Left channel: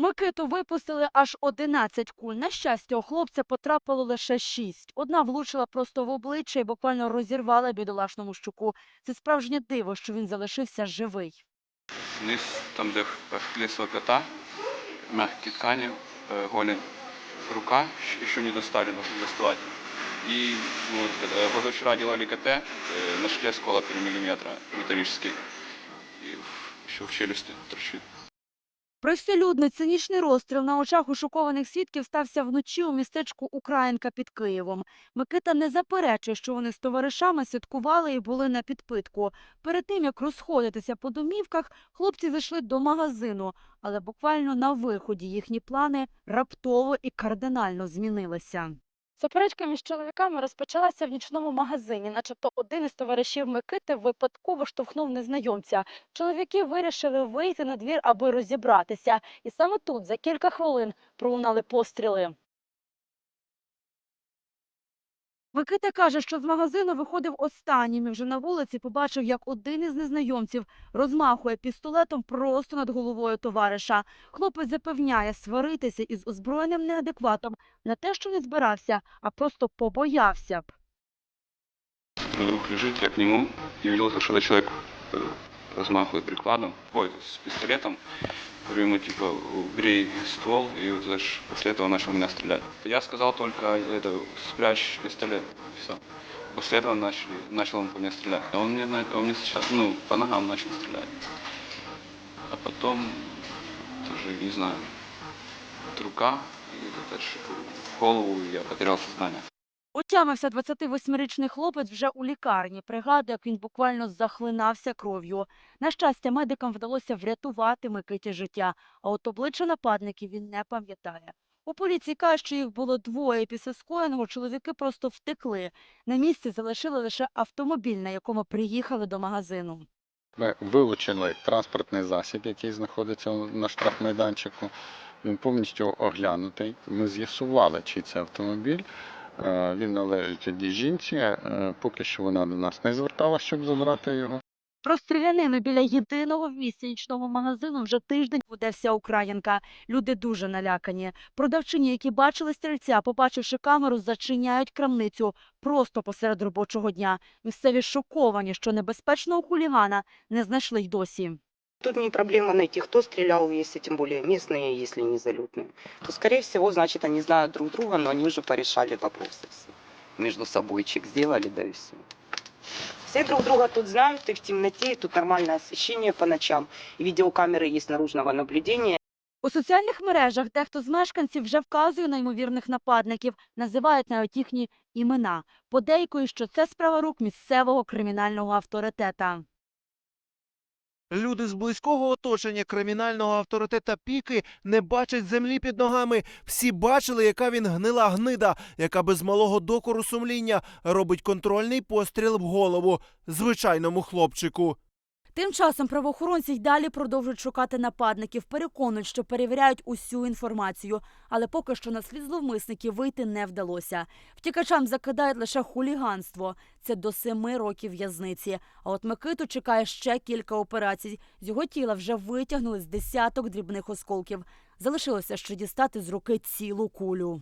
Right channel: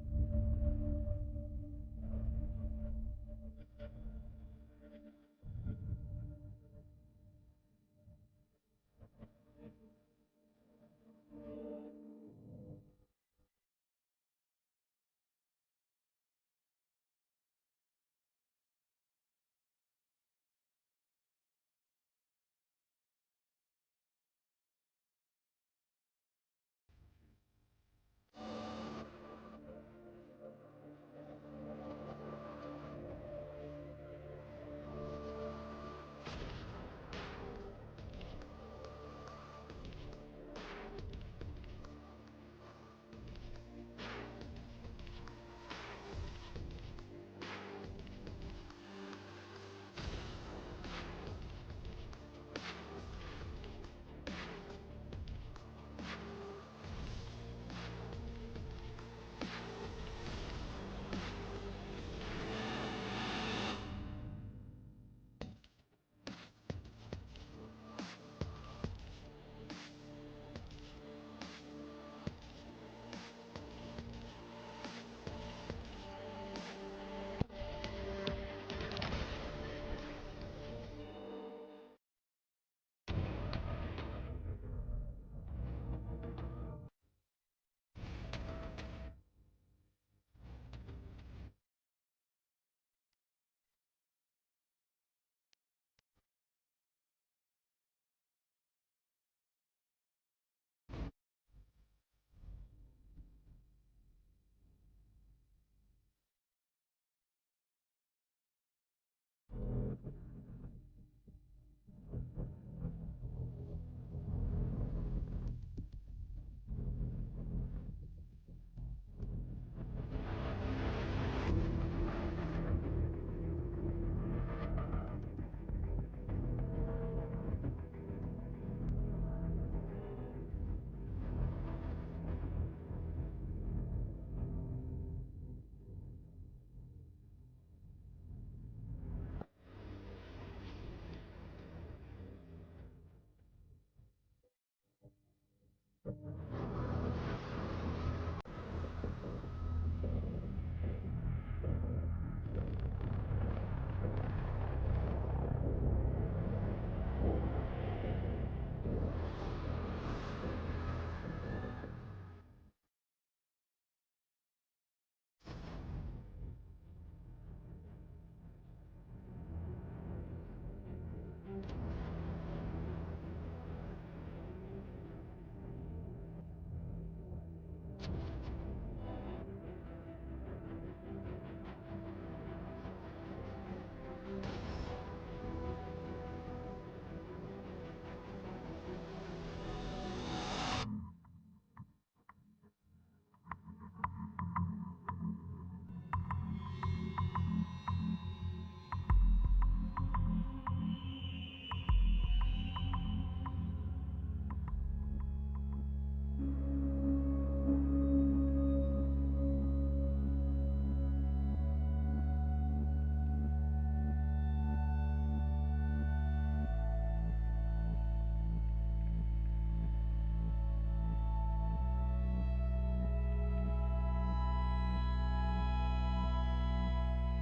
Микиту випустили аж 11 куль. На щастя, у хлопця потрапило лише 6. Одна влучила просто в обличчя і буквально розірвала бідолашному щуку. Це справжнє диво, що він залишився живий. Вниз, там, де лесла кота, мягкие ткани, э, голень, рука, щ- еще не достали, нужно доставать. И вот, когда позавчера делали КТ, э, нашли осколок 3 миллиметра металлический. И еще в челюсти торчит. Простолюдний цинічний розстріл на очах у шокованих свідків стався вночі у містечку Українка під Києвом. Микита не заперечує, що вони з товаришами святкували і були на підпитку. Перед тим як розходитися по домівках, хлопці зайшли до магазину, але буквально на виході їхні плани раптово і кардинально змінилися. Суперечка між чоловіками розпочалася в нічному магазині, начебто один із товаришів Микити випадково штовхнув незнайомця. Чоловіки вирішили вийти на двір, аби розібратися. І саме тут за кілька хвилин пролунали постріли. Микита каже, що з магазину виходив останнім і вже на вулиці побачив, як один із незнайомців розмахує пістолетом просто над головою товариша. Хлопець запевняє, сваритися із озброєним неадекватом не те, що не збирався, а просто побоявся. Друг лежит, я к нему и видел, что этот человек э, прикладом, ой, с пистолетом. Говорю ему, типа, убери ствол, и вот знаешь, после этого начал меня стрелять. Я сказал только, это, спрячь пистолет, все. После этого начали, начал он по мне стрелять. А Он мне, он мне сейчас, ну, по ногам начал стрелять. А потом, тоже, не знаю, рука, и дальше голову, и я потерял сознание. Отямився 28-річний хлопець вже у лікарні. Пригадує, як він буквально захлинався кров'ю. На щастя, медикам вдалося врятувати Микиті життя, а от обличчя нападників він не пам'ятає. У поліції кажуть, що їх було двоє. Після скоєного чоловіки просто втекли. На місці залишили лише автомобіль, на якому приїхали до магазину. Ми вилучили транспортний засіб, який знаходиться на штрафмайданчику. Він повністю оглянутий. Ми з'ясували, чий це автомобіль. Е, Він належить одній жінці. Е, Поки що вона до нас не зверталася, щоб забрати його. Про стрілянину біля єдиного в місті нічного магазину вже тиждень буде вся Українка. Люди дуже налякані. Продавчині, які бачили стрільця, побачивши камеру, зачиняють крамницю просто посеред робочого дня. Місцеві шоковані, що небезпечного хулігана не знайшли й досі. Тут не проблема найти, кто стрелял, если тем более местные, если не залетные. То, скорее всего, значит, они знают друг друга, но они уже порешали вопросы все. Между собойчик сделали, да и все. Все друг друга тут знают, и в темноте, и тут нормальное освещение по ночам, и видеокамеры есть наружного наблюдения. У соціальних мережах дехто з мешканців вже вказує на ймовірних нападників, називають навіть їхні імена. Подейкують, що це справа рук місцевого кримінального авторитета. Люди з близького оточення кримінального авторитета Піки не бачать землі під ногами. Всі бачили, яка він гнила гнида, яка без малого докору сумління робить контрольний постріл в голову звичайному хлопчику. Тим часом правоохоронці й далі продовжують шукати нападників, переконують, що перевіряють усю інформацію, але поки що на слід зловмисників вийти не вдалося. Втікачам закидають лише хуліганство. Це до семи років в'язниці. А от Микиту чекає ще кілька операцій. З його тіла вже витягнули з десяток дрібних осколків. Залишилося ще дістати з руки цілу кулю.